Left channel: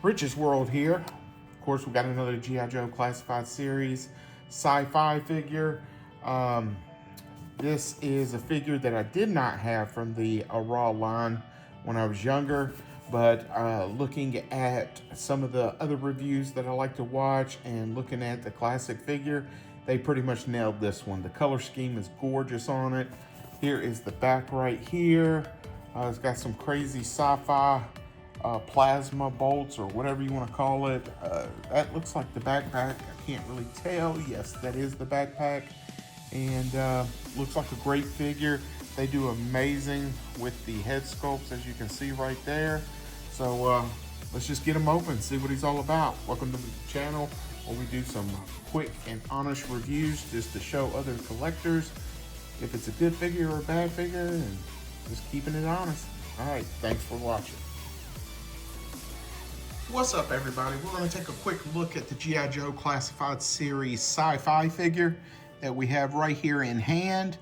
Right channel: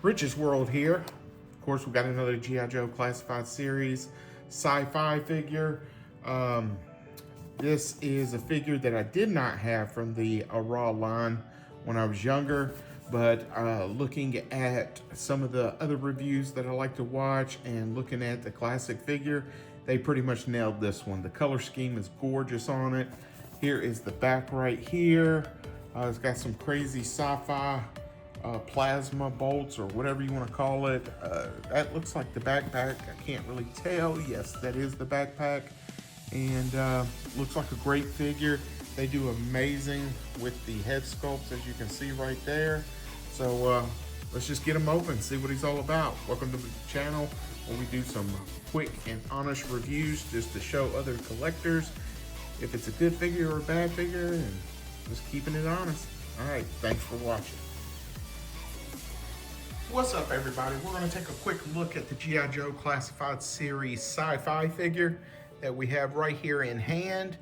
Rich's World here. Of course, we got another G.I. Joe Classified Series Sci-Fi figure. This is a figure that I did not have from the Raw line when I was younger, but looking at some of the other reviews that I like to watch and looking at the classic figure, they pretty much nailed this one. The color scheme is gorgeous on it. Here is the back right here. It's got some crazy sci-fi plasma bolts or whatever you want to call it. That looks like the backpack. I can't really tell. Yes, that is the backpack. And looks like a great figure. They do amazing with the head sculpts, as you can see right there. So let's just get him open and see what he's all about. Welcome to the channel where we do some quick and honest reviews just to show other collectors if it's a good figure or a bad figure, and just keeping it honest. All right, thanks for watching. What's up, everybody? We're going to take a quick look at the G.I. Joe Classified Series Sci-Fi figure that we have right here in hand.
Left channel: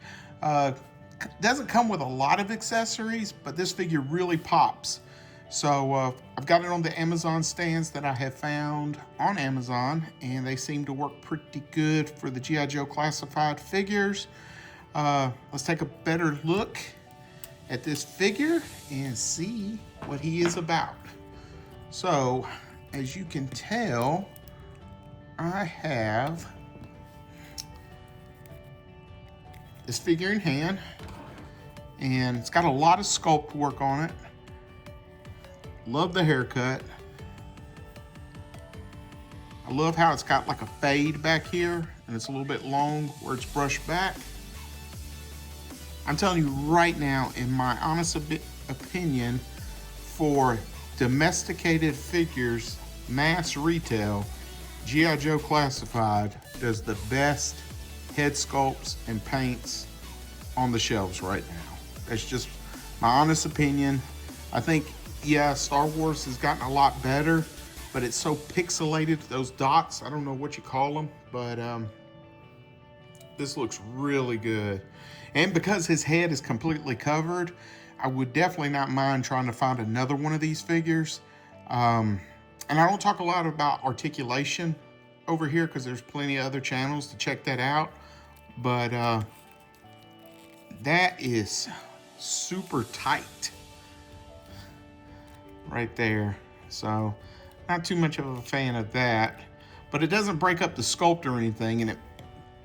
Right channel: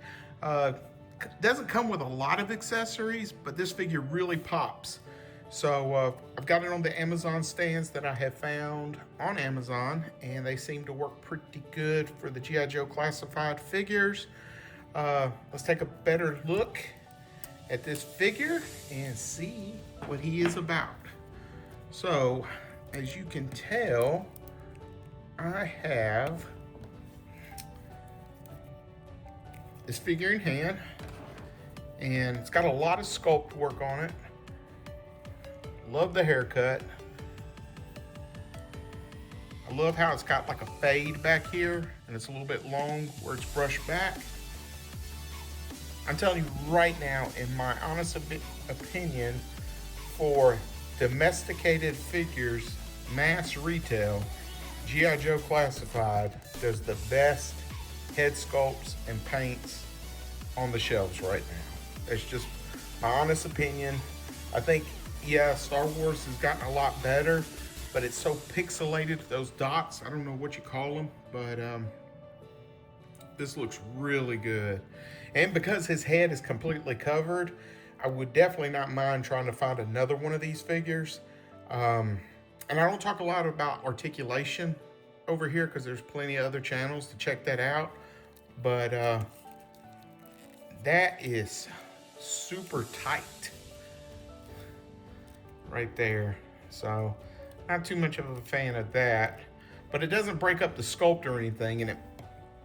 Doesn't come with a lot of accessories, but this figure really pops. So I've got it on the Amazon stands that I have found on Amazon, and they seem to work pretty good for the G.I. Joe Classified figures. Let's take a better look at this figure and see what he is about. So, as you can tell, I have this figure in hand, and it's got a lot of sculpt work on it. Love the haircut. I love how it's got like a fade back here, and it's a little bit long where it's brushed back. I'm telling you right now, in my honest opinion, for domesticated figures, mass retail, G.I. Joe Classified does the best head sculpts and paints on the shelves right now. That's just my honest opinion. I think, yeah, Star Wars has gotten a lot better, but it's so pixelated, those dots, I don't know what you call them, but this looks really good. And because his head is completely covered, I would definitely not mind trying to find another one of these figures. And I don't talk a lot about articulation over here because there's plenty of other channels to check that out. But that is super tight right there. So not too much of a fan of that, but it doesn't break up the sculpt or anything, and it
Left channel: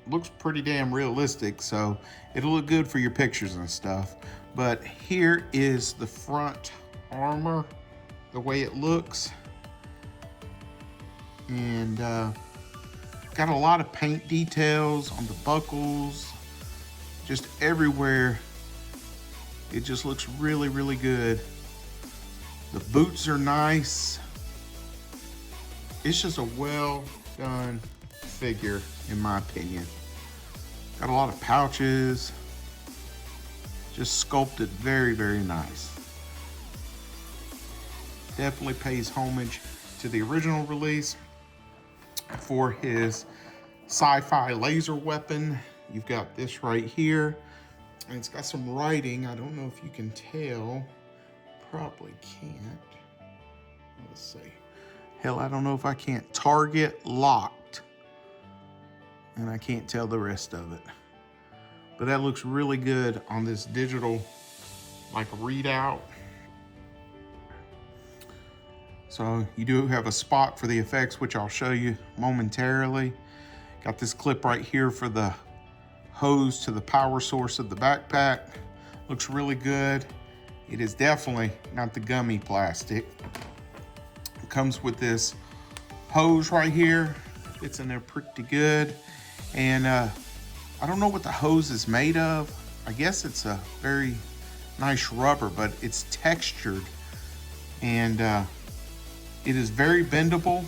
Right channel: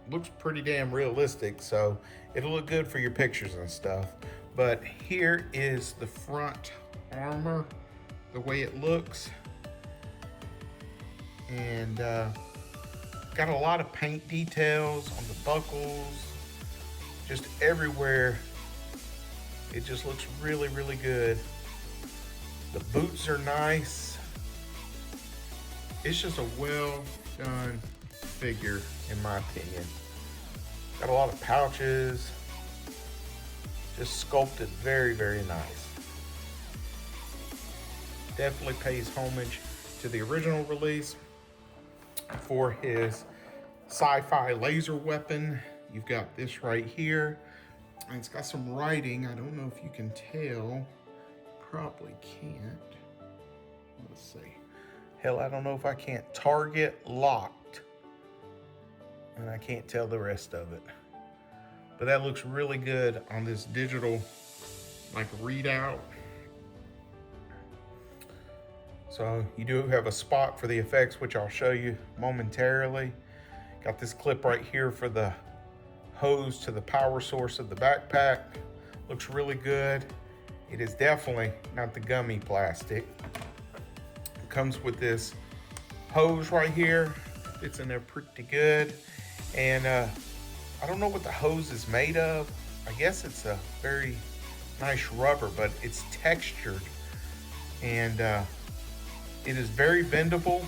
looks pretty damn realistic, so it'll look good for your pictures and stuff. But here is the front armor, the way it looks, and got a lot of paint details on the buckles, just everywhere. It just looks really, really good. The boots are nice. It's just a well done figure, in my opinion. Got a lot of pouches, just sculpted very, very nice. Definitely pays homage to the original release. For his sci-fi laser weapon, you've got this right here, and it's got some writing. I don't know if you can tell, probably can't. Let's see. Hell, I don't know if I can't. Target locked. And I can't tell the rest of it. But that looks really good on this digital like readout. So you do have a spot for the effects, which I'll show you momentarily. Got this clip right here for the hose to the power source of the backpack. Looks really good. It is definitely not the gummy plastic. It comes with this hose right here. It's in there pretty good. And I don't know what the hose is made of. I guess it's a very nice rubber, but it's textured. And it is very bendable.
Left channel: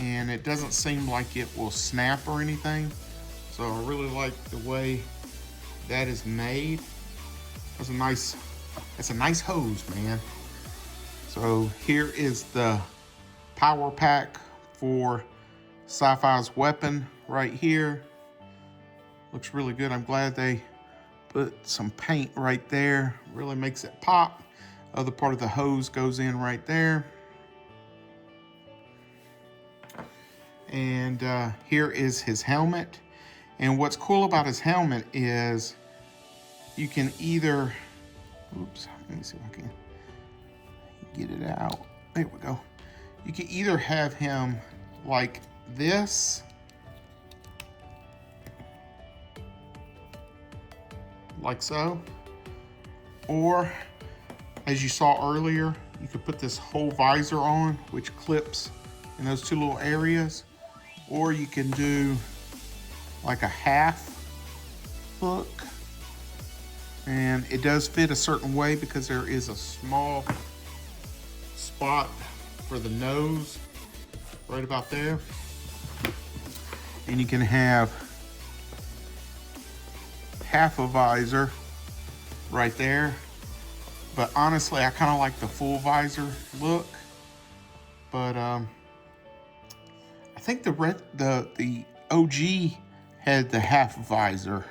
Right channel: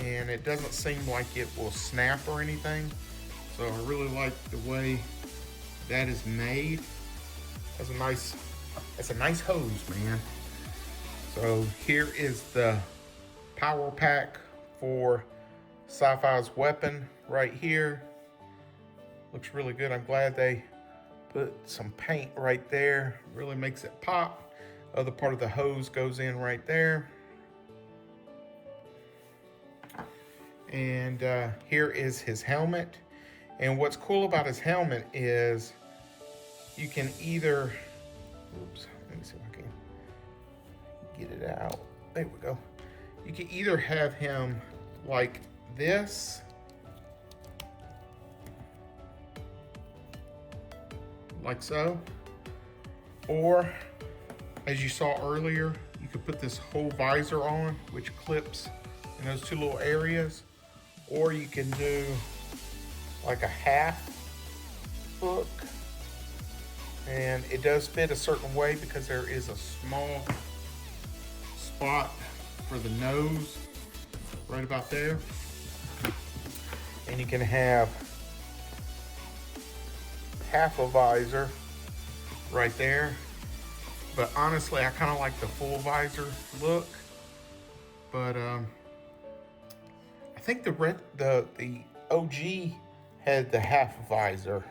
And it doesn't seem like it will snap or anything. So I really like the way that is made. That's a nice hose, man. So here is the power pack for Sci-Fi's weapon right here. Looks really good. I'm glad they put some paint right there. Really makes it pop. Other part of the hose goes in right there. And here is his helmet. And what's cool about his helmet is you can either, oops, let me see if I can get it out. There we go. You can either have him like this, like so, or as you saw earlier, you could put this whole visor on, which clips in those two little areas, or you can do like a half hook, and it does fit a certain way because there is a small spot for the nose right about there, and you can have half a visor right there. But honestly, I kind of like the full visor look. But I think the OG had the half visor.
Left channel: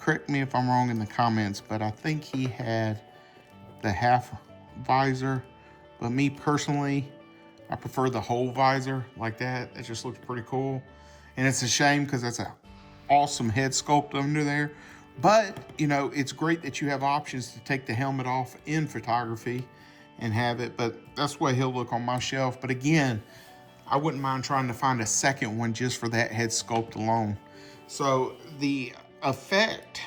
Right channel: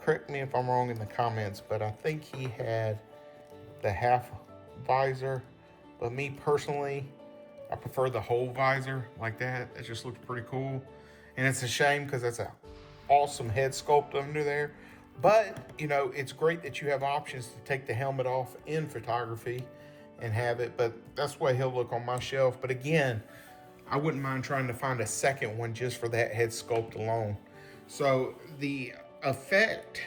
Correct me if I'm wrong in the comments, but I think he had the half visor. But me personally, I prefer the whole visor like that. It just looks pretty cool. And it's a shame because that's an awesome head sculpt under there. But, you know, it's great that you have options to take the helmet off in photography and have it. But that's the way he'll look on my shelf. But again, I wouldn't mind trying to find a second one just for that head sculpt alone. So the effect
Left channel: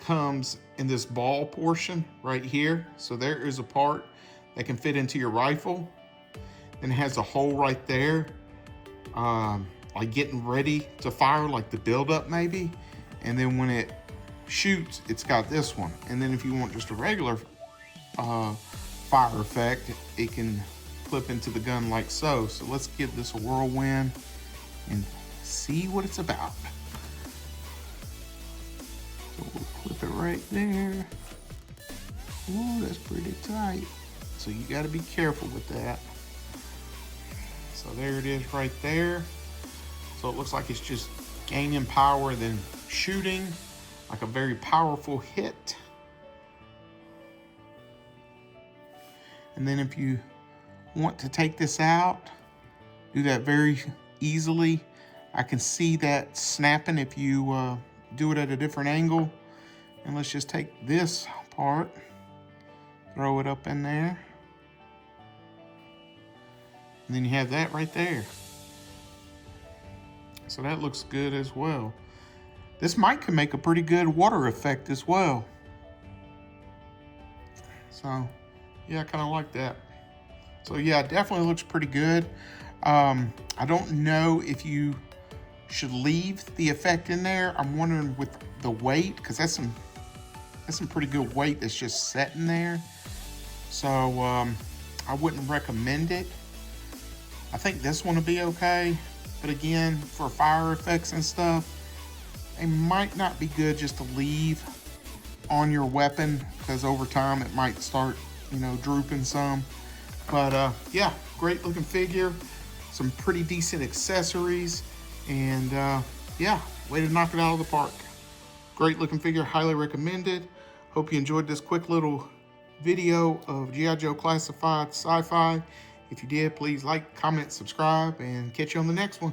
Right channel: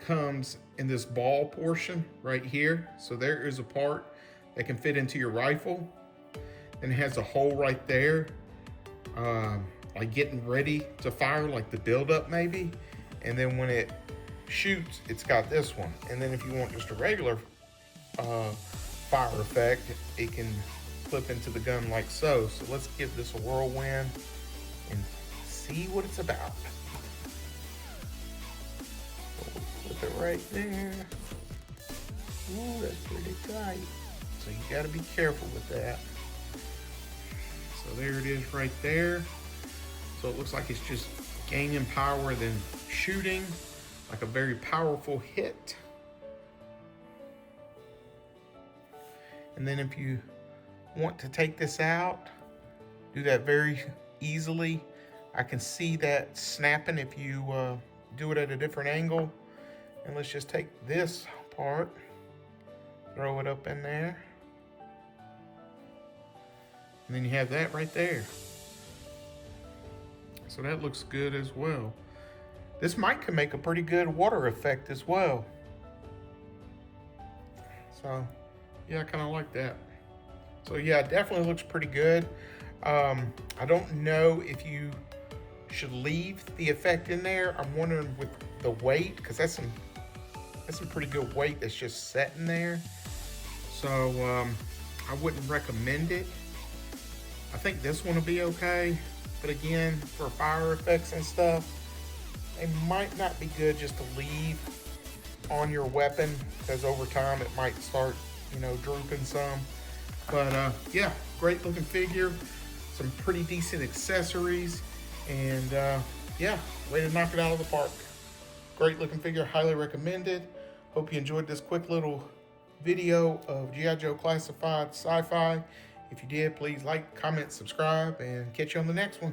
comes in this ball portion right here. So there is a part that can fit into your rifle. And it has a hole right there, like getting ready to fire, like the buildup maybe. And then when it shoots, it's got this one. And then if you want just a regular fire effect, it can clip into the gun like so. So let's give this a whirlwind and see what it's about. Clip it right there. Oh, that's pretty tight. So you gotta be careful with that. So there it is right there. So it looks like it's just gaining power, then shooting like a very powerful hit. And then if you want to take this out, do that very easily. I can see that snapping if you do it at a different angle. And let's just take this part, throw it up in there. And then you have that right there. So that looks good as well. This mic can make a pretty good water effect as well. So yeah, I kind of like that. So yeah, it definitely looks pretty good. I don't know if you should leave the effect in there. I'm wondering with the weight, because that's some pretty good weight that's just sitting there. So I wouldn't recommend it. I think this one will be okay. But again, for fire effects and stuff, it might not be good just to leave on your weapon, because over time it might start, you know, drooping some. But yeah, great looking figure, some pretty decent accessories, and yeah, way to knock it out of the park. Great looking figure, highly recommended. Hope you enjoyed this quick little video of G.I. Joe Classified Sci-Fi. If you did, please like, comment, subscribe, and catch you on the next one.